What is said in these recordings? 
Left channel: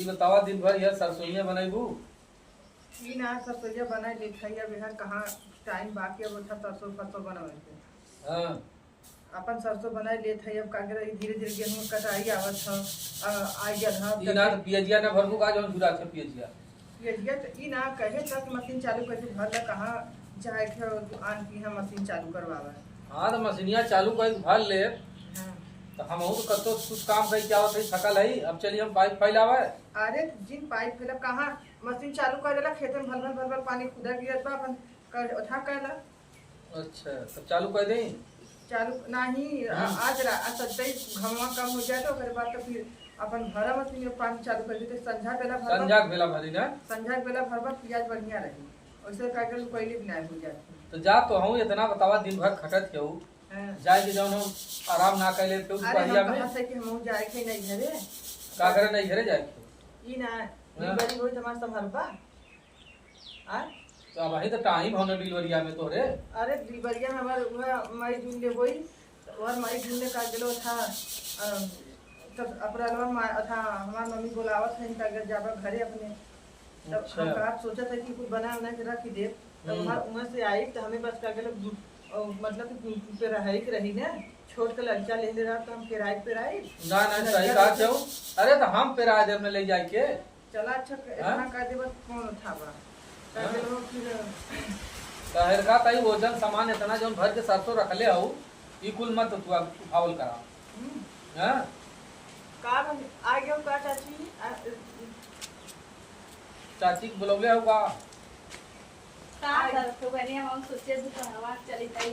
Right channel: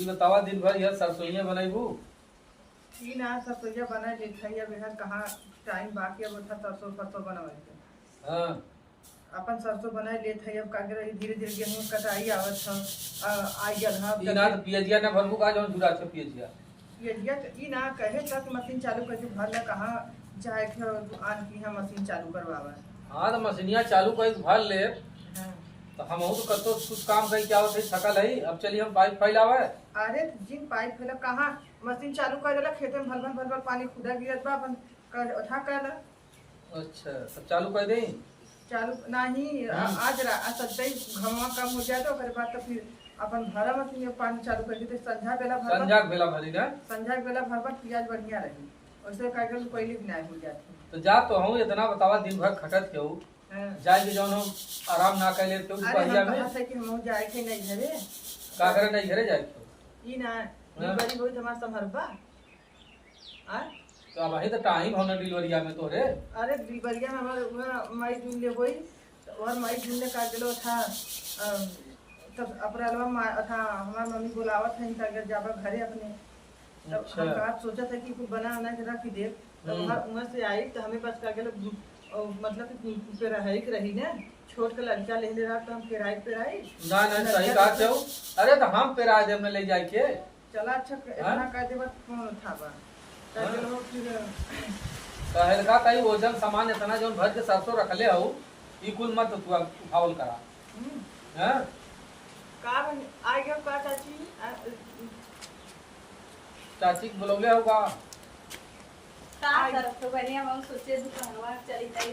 ई बतावा दिन भर यह सरसोईया बनाईबू। ई ना सरसोईया बनाए ले खैया बेहर कहाँ टाइम बाकी अब उठा सरसों सरसों बनवाई के। हां अपन सरसों बनाए लेत है अब कागे धीरे धीरे गेहूं कटाई आवत ह आई गल ह ई ना तो पियजिया ना भरबू का जौन जुरा छ पियजिया। ये ई ना कहे तक मशीन चालू करके भर ला कहाँ जाए के आन की है मशीन चालू करवावा। हां तो मशीनिया चालू कर भर ले हां तो हम तो कतो कुछ काम कई क्या होत है थकल है। अब चलिए हम पाइप फैलावे। अरे जिन पाइप फैला कहाँ मशीन चालू कर देला खेत में भल भल पानी खुदा गिरत बा अपन कर उठा करला। अच्छा तब चालू कर दें। चालू नहीं आज सच्चाई घमवा कम हो जाए तो ओकरे बाद तो फिर अपन भरा मशीन में पानी चालू कर देते संझा बेला भरबा। संझा बेला भरी ना संझा बेला भरबा पियाज बढ़िया रही वैसे कागल पहले बनाए हो जाती। तो जा तो हूं इतना बतावा दिन भर खटत के हूं जाए के जौन हम आराम ना कर ले तो बढ़िया में कहां से कि हम जाए के नहीं घरे का करे नहीं घरे जाए ई ना डिलीवरी होई तमार संभरबा आ तो अब ही तो टाइम होने डिलीवरिया में तोरे। अरे डिलीवरिया में हमार मई जून ले होई और मई जून ले का गेलो था तब अप्रैल में था हमार मम्मी बुलावत है इनका जाबा घरे अपने तब अच्छा। हम का सोचा था कि कुछ बना बना के रख दे तब हमार उमर से आई तो हमें बस का गेलो मतलब कि पेराई के रही ना छोट के लड़का ले ले रहा तो हम पेराई पेराई ना ना सही कहा छौ। अरे तो हम पेरा दे में ले जाए के चला अच्छा इतना कर दे बस कौन उठावा का गेलो फिर कहर का तई वजन सामान इतना जौन भर के सरसों रखले हूं ई कुल मत तू उठावल करा। हां का बन आ गयो का चाची चाची के बुलौले होगा का तो बने हम सोचे दुकानवा चली तई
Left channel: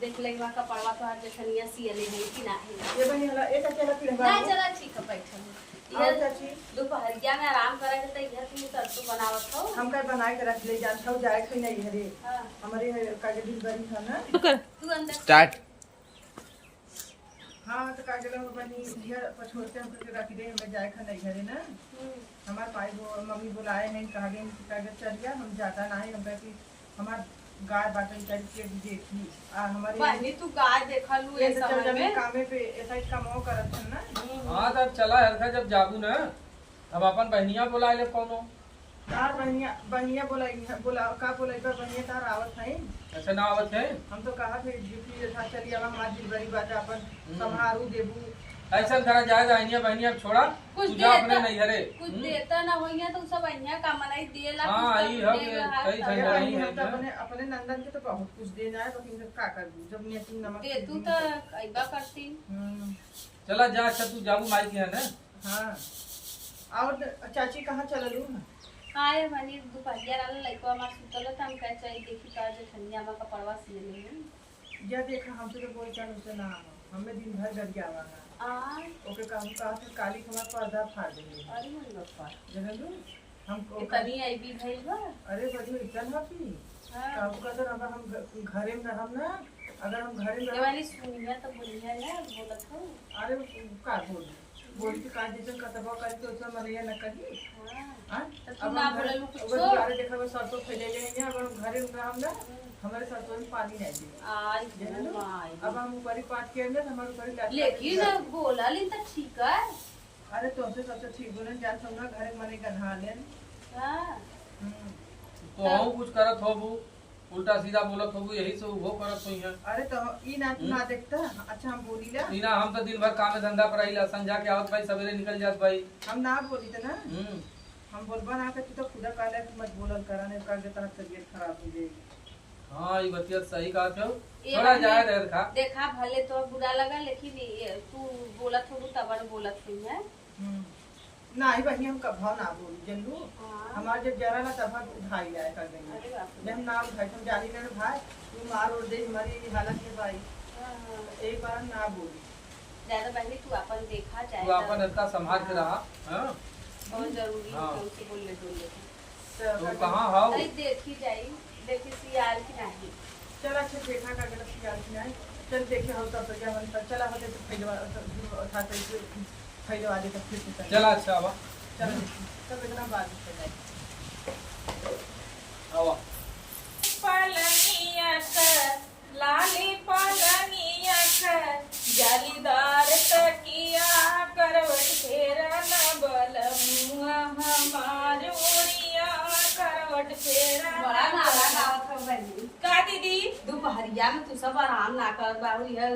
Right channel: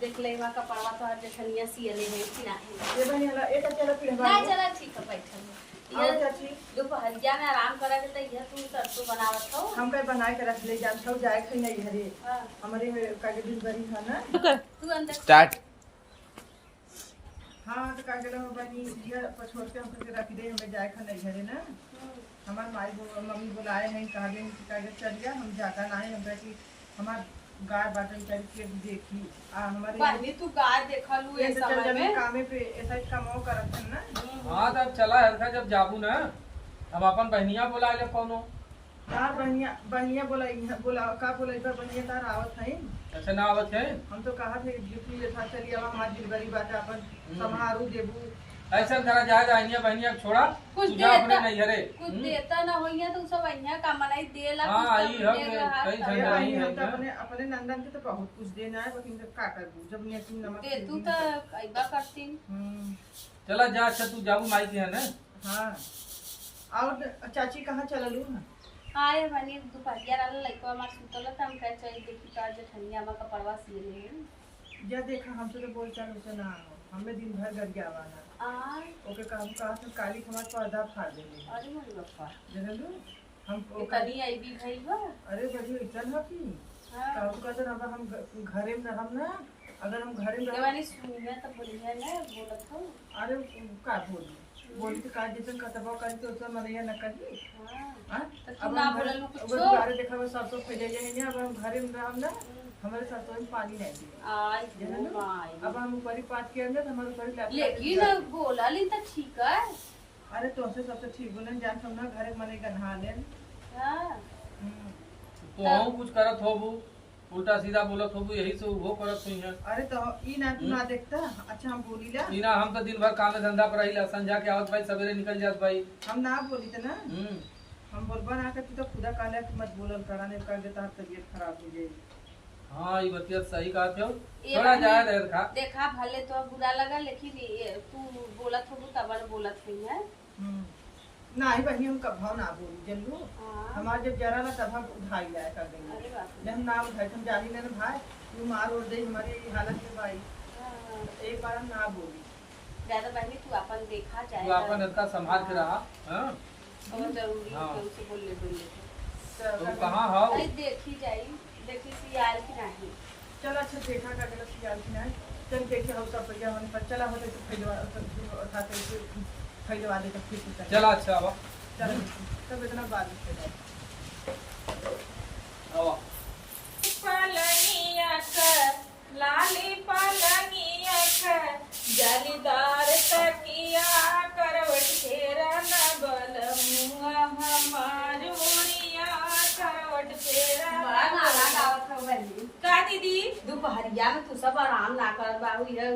देख ले वहां का पड़वा तो हर जखनिया सीले है कि नहीं ये बनी हला एक चला पिढ़वा ना चला ठीक है बैठल आओ चाची दोपहरिया में आराम करे के तई तुम सरसों बनावत हो हम कई बना के रख ले जान छौ जाए खई नहीं हरे हां हमारे कागे दिन बरी है ना तू अंदर स्टार्ट। हां तो कागे लो बनी ये पछोड़ के हम करके रख दे हमें जाए खई नहीं हरे ना हमार माई मम्मी बुलाए हैं कहा दे कागे चलिया हम जाता नहीं हम कहती हमार गाय बाटल करके देखी आ हमारे बहनी तू गाय देखलू ये ए तो चल समय जब में कामे पे ऐसा ही कमाओ करत है ना। हां तब चला हरखा जब जाबू ना हम अपन बहनिया बुला ले कोनो तार बहनिया बोला का बोलाई पर बहनिया तार आवत है ऐसे ना आवत है। हम तो कहा थे ड्यूटी जैसा चली अब हमारी डिलीवरी बात अपन संभारू देबू ऐसा करा जाएगा अहिया बहनिया छोड़ा कुछ तुझा अपने देता नहीं हरे कुछ देता ना होइया तो सब अन्या का मनाई देला हां आई हम कई अरे सही भाई नहीं हम तो है अपने अपने नंदन के तो बहुत कुछ देना है लेकिन का करूं जब नेती नमक दे तू तो कईबा करती चला जा अच्छा तू जाबू माई के है ना। हां और चाची कहाँ चललू ना आए बनी दोपहरिया वाला लइका मार सुतल त हम कह चाहिए देखी का जखनिया में का पड़वा सीले है या देखा हमसे तो बोल चाल उसे ना हमें दिन भर घर गवाना आ ओके काम कहा था काली हमार पर्दा फाड़ देले अरे मोर बापा जनलू हम इतनी आई भी भई बा अरे बढ़िया इतन हपी हां काहू का तो हम घरे में रहम ना अगर हम घरे में ये रहम वाली सुनिया तो बढ़िया ना बोलत हो अरे का बोली तो का जैसे कतबा करी तो उसमें मनैया न करी हां हां तो तू अब ना हम बोललू कुछ घरे देखा वो सरसों फैले जाए अब हम घरे में रहम ना हमारे सरसों में पानी नहीं दे आई जनलू माई अब हम ऊपरी पाट के अंदर हमारे ऊपरी लटका लेकिन बोला लिन त ठीक है अरे तो से सबसे ठीक बोलन जान हम ना घरे मने गन्हा लेन हां तो कुछ करत होबू उल्टा सीधा बोलत होबू यही से वो करत होई है। अरे तो ई ना तू ना देखता अच्छा हम बोली ला इना हम तो दिन भर काम में धंधा पर आइला संझा के आवत भाई सवेरे निकल जात भाई। हम ना बोली तो ना हम बोलबा ना कि तू तो खुदा कहला कि मत बोलल कराने का के तहत तबीयत खराब हो जाएगी। हां ई बतिया सही कहा छौ थोड़ा जाए रह खा देखा भले तो बुरा लगा लेकिन तू बोलत हो तब बोलत हुई है ना ही बहिनी हम कभाव ना बोली जल्लू हां हमार जब जरा ना तब उठाई जाए कर गई अरे बाप जब हम ना उठाई हम जानी ना भाई तू मार और दे हमारी ये हालत में भाई हां एक बार हम ना बोली ज्यादा बहनी तू अपन देखा जाए तू अपन इसका संभाल के रहा। हां बहुत जरूरी हाँ। है उसे बोलने डोलने तो कहां हो अरे देखी जाई देखी सियार की नहीं चल अच्छा देखा का गलत यार की नहीं चल देखे हम सब बढ़िया हम पर चला होते तो फैलवा उठाते फैलवा दे तो फिर से चला अच्छा अब चल तब इतना बारिश हो जाए आवा पलनिया कर लाली पलनिया कर जालीदार तकिया करवट घेरा न बल मुआ करवट फेरा बड़ा गाना गावत हो बहनी। का दीदी दोपहरिया में तू सब आराम ना कर बाबू, यह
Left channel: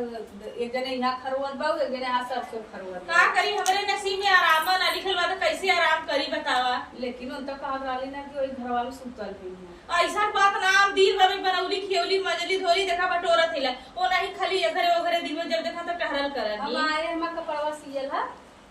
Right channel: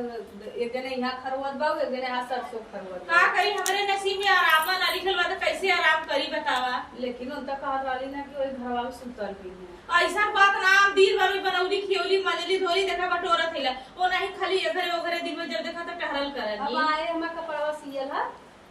एक जने यहाँ खरवत बाबू, एक जने यहाँ सरसों खरवत का करी, हमरे नसीब में आराम ना लिखल बा तो कैसे आराम करी बतावा। लेकिन उन तक कहत रहली ना कि वही घरवा में सुतल भी है। ऐसा बात ना, हम दिन भर में बनौली खियौली मजली धोली देखा बटोरा थैला ओ नहीं खाली एघरे ओघरे दिन में जब देखा तो टहरल हम करनी। आए हमार कपड़वा सियल है,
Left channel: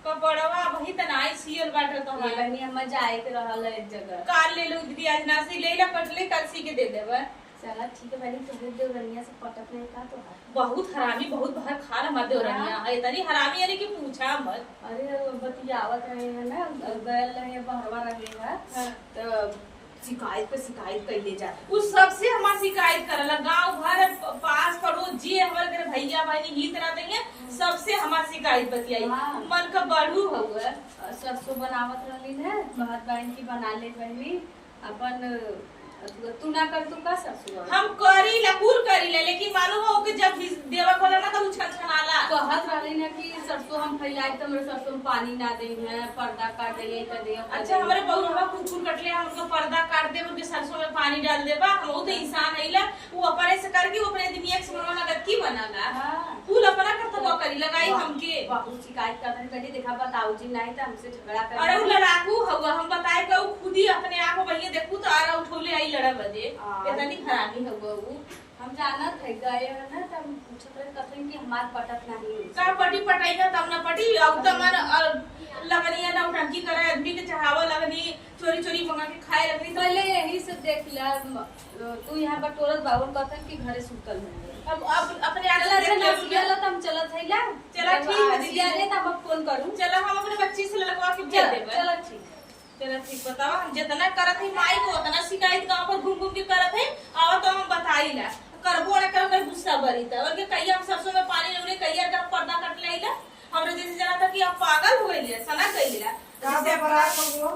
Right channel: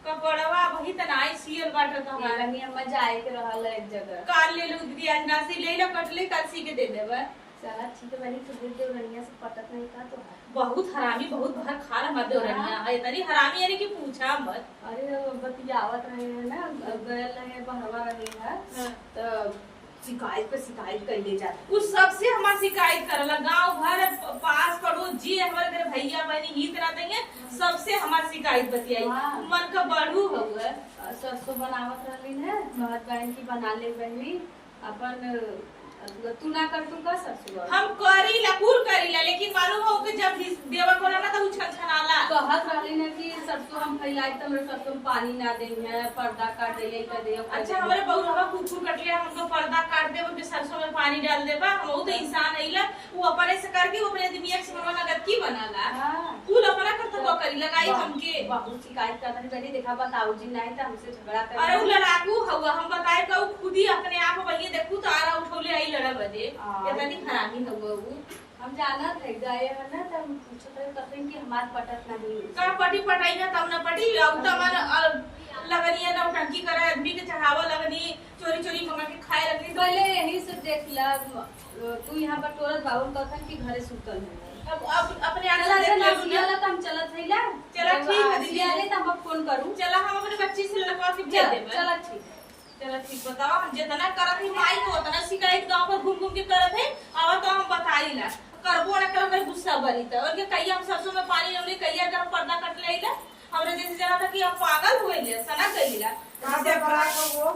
कपड़वा वही त नाई सियल बाटे तो ये हम बहनी हम जाए के रहल है एक जगह। काल ले लो दीदी, आज नासी ले ला कटले कल सी के दे देबे। चला ठीक है बहनी, तुझे देवरनिया से पटक नहीं था तो बहुत हरामी, बहुत भर खा रहा मत देवरनिया है तनी हरामी यानी कि पूछा मत। अरे बतियावत रहे हैं ना, गयल रहे बहरवा रहे हैं हाँ। तो शिकायत पे शिकायत कर ले जाते। उस सबसे हमार शिकायत करला, गांव भर पास पड़ोस जी हमारे घर भैया बहनी हित ना देंगे सबसे हमार शिकायत बतियाई। हाँ। मन का बढ़ू हुआ सरसों बनावत रहली है, कहत बहन की बना ले बहनी अपन, तू ना कर तू का सरसों हम करीला कुल करीला, लेकिन मालूम हो कि जब देवा करे ना तो उ छनछनाला। कहत रहली ना कि सरसों हम फैलाई तो हमरे सरसों में पानी ना दे है, पर्दा काट दे कर दे। अच्छा हमारे बहुरवा कुकुर कटले, हम उनको पर्दा काट दे उनके सरसों में पानी डाल देबा। हम वो तो इंसान हैला, वो अपने से करके वो अपने दुनिया के समझ में नगद की बनाला। हाँ। कुल अपना करता वो करी लगाई हमके। बहुत शिकायत करत रही बेटी, देखा बताऊ जी नहीं तो हमसे झगड़ा कर। अरे उ लड़ाकू हुआ, हम बताए कि उ खुद ही अपने आप वही देखू तो आरा उठौले आई लड़ा बजे। इतनी खराबी हुआ उ। हम जानत है गए है ना, तो हम पूछत रहे कथन कि हमार पटक नहीं। का पटी पटाई ना तब ना पटी अब त मन लगनी है ना उटंकी करे आदमी के चढ़ावा लगनी, चोरी चोरी मंगा के खाए लगनी। तो पहले यही से देख लिया, तू यहाँ बटोरत बाबू कथन कि घरे सुतल है। अब अपने आगे चला देख ले सियाला तो हम चलत है ला। चला ठीक है दीदी। सियाले तो हम फोन करूं। चला हम अपने बच्ची से लड़कवा के भेज देबे। चला ठीक। चला ठीक, बताओ हम जितना करत है माई को उतना शिकायत गांव पर घूम घूम के करत है। और तो हम बताईला करबो ना करो मेरे गुस्सा बरी त और के कहिया हम सरसों में पानी लेले कहिया का पर्दा कट लेला। हमरे जैसे जरा था कि अब पागल हो गइले सना कइला। काहे बड़ा को वो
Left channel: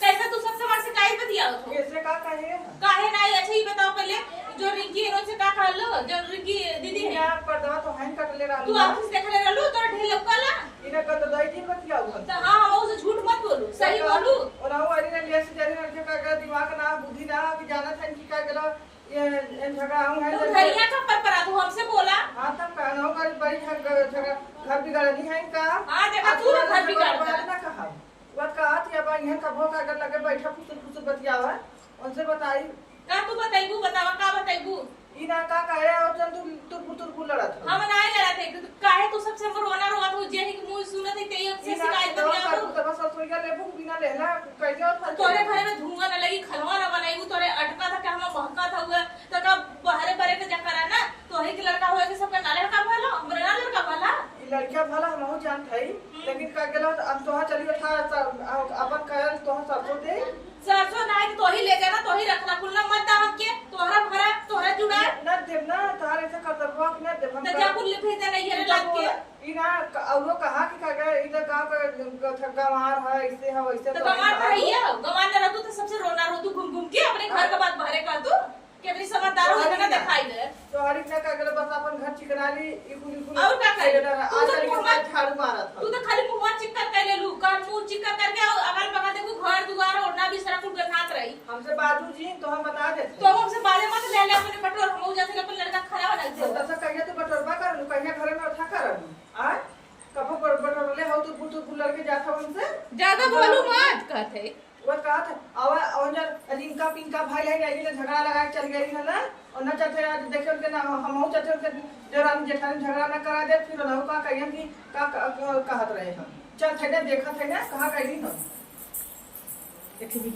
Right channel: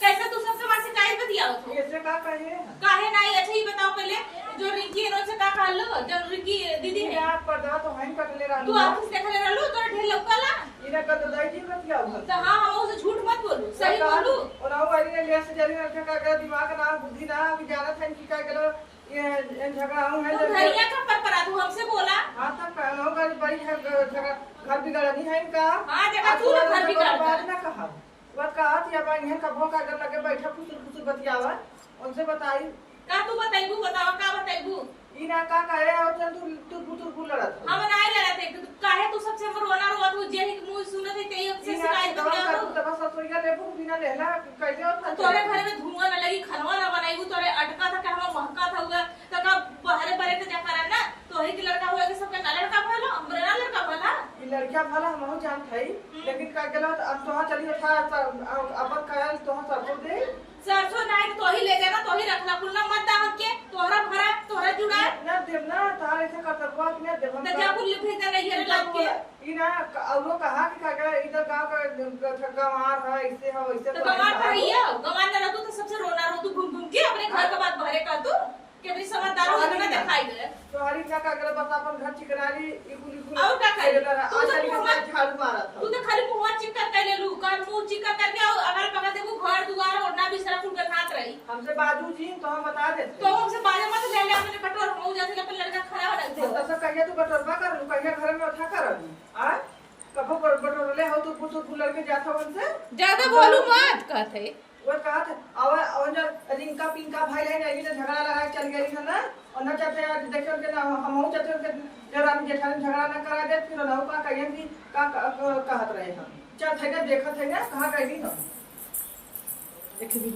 कैसे तू सबसे बड़ शिकायत बतियावत हो? कैसे का कहिए काहे नहीं? अच्छा ही बताओ पहले, जो रिंकी इनो से का कहलो, जो रिंकी दीदी है या पर्दा तो हैं कटले रहलू तू ऑफिस देखले रहलू तोरा ढेर लौकाला। इने का तो दई दिन बतिया हुआ तो हां हम उसे झूठ मत बोलू, सही बोलू। और हम वाली ने ले से जरी ने का दिमाग ना बुद्धि ना कि जानत है कि का गेलो ये झगड़ा हूं है तू धरिया का पर तू हमसे बोला। हां तब कहनो का बड़ी झगड़ा घर बिगाड़नी है इनका। हां देखा तू ना घर बिगाड़ बात ना कहा वो कहा थी अब इन्हें कबो का अगर लगे बैठा फुसुर फुसुर बतियावा उनसे बताई का तू बताइबू, बतावा का बताइबू। ई ना का कहे और चल तू फुसुर फुसुर लड़त हम नहीं लड़ाते काहे तू सबसे रोना रोवा तू जे ही मुंह सुनत है तेई से शिकायत बतिया तो बस सोइया लेबू बिना लेला कैसे और तोरे घर में धुआं ना लगी, खलवा ना बनाईबू, तोरे अटका था कि हम महका था हुआ तो का बहरे बरे के जा करा ना तो ही के लड़का हुआ के सबका ना लड़का भलो हमरा ना लड़का भला। ई लड़का भला हमहु जानत हई लेकिन का गेलो अब तोहा चली उठा अपन कहल तोहा सरसों दे सरसों नहीं तो ही ले जाना, तो ही रखना खुलना मत दा हमके, तोहरा भरा तोहरा जुड़ा न देव ना तारे से करतवा कि न देव तो जा कुल भेजा नहीं है लग के। ई ना औरो कहा कि का इधर गांव का गंवार है ऐसे है वैसे तो गमार का है गमार ना रहतू तो सबसे रोना रो तू घूम घूम के अपने घर का बात भरे का तू कि अपनी समझदार हो इतना दिखाई दे। तो हरी ना का गेलो बस अपन घर चिकनाली ई कुली और का करे? आज चली के झाड़ू मारा था तू तो खाली मुंह चिक्कर कर ले लू कर मुंह चिक्कर करके अगल बगल देखो घर दुआर ओढ़ना भी सारा कुल गनात रही। हमसे बाजू जी तो हम बता देते तो हमसे बाले मत ले ले अपने बटोर हो जाते अपन लड़का खड़ा हो रखते तो सब कहिए तू बटोरबा कर लू कहिए घर में उठा कर अभी आ कबो बटोर ले हो तू पुतु लड़के जाता उनसे ज्यादा बोलू मत कहते वो कहा था और जब रिंका पिंका भाई ले गई तो झगड़ा लगा के चल गई है ना और न चाहते देखियो के ना हम चाहते के जरानी जेठानी झगड़ा ना करा दे फिर ना का कहिए कि का कहत रहे हम चल थे देखत है ना कहां गई हम देखिए